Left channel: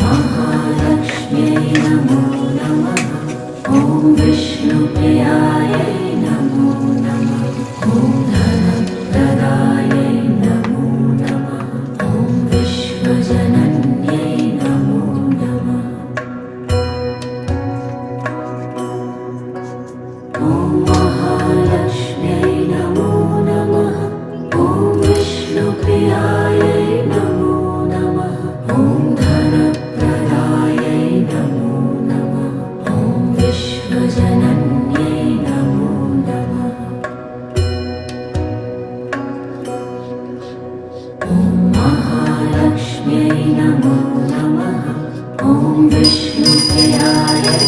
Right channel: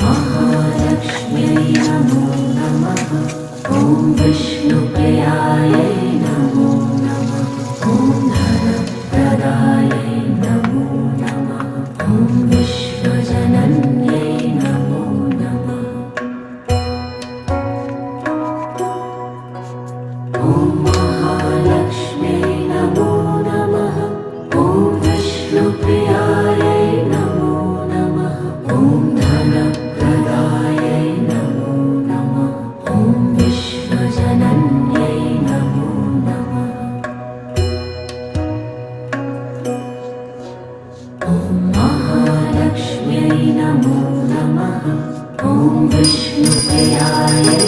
महालक्ष्म्यै नमो नमः। ॐ विष्णुप्रियायै नमो नमः। ॐ धनप्रदायै नमो नमः। ॐ विश्वजनन्यै नमो नमः। ॐ महालक्ष्म्यै नमो नमः। ॐ विष्णुप्रियायै नमो नमः। ॐ धनप्रदायै नमो नमः। ॐ विश्वजनन्यै नमो नमः। ॐ महालक्ष्म्यै नमो नमः। ॐ विष्णुप्रियायै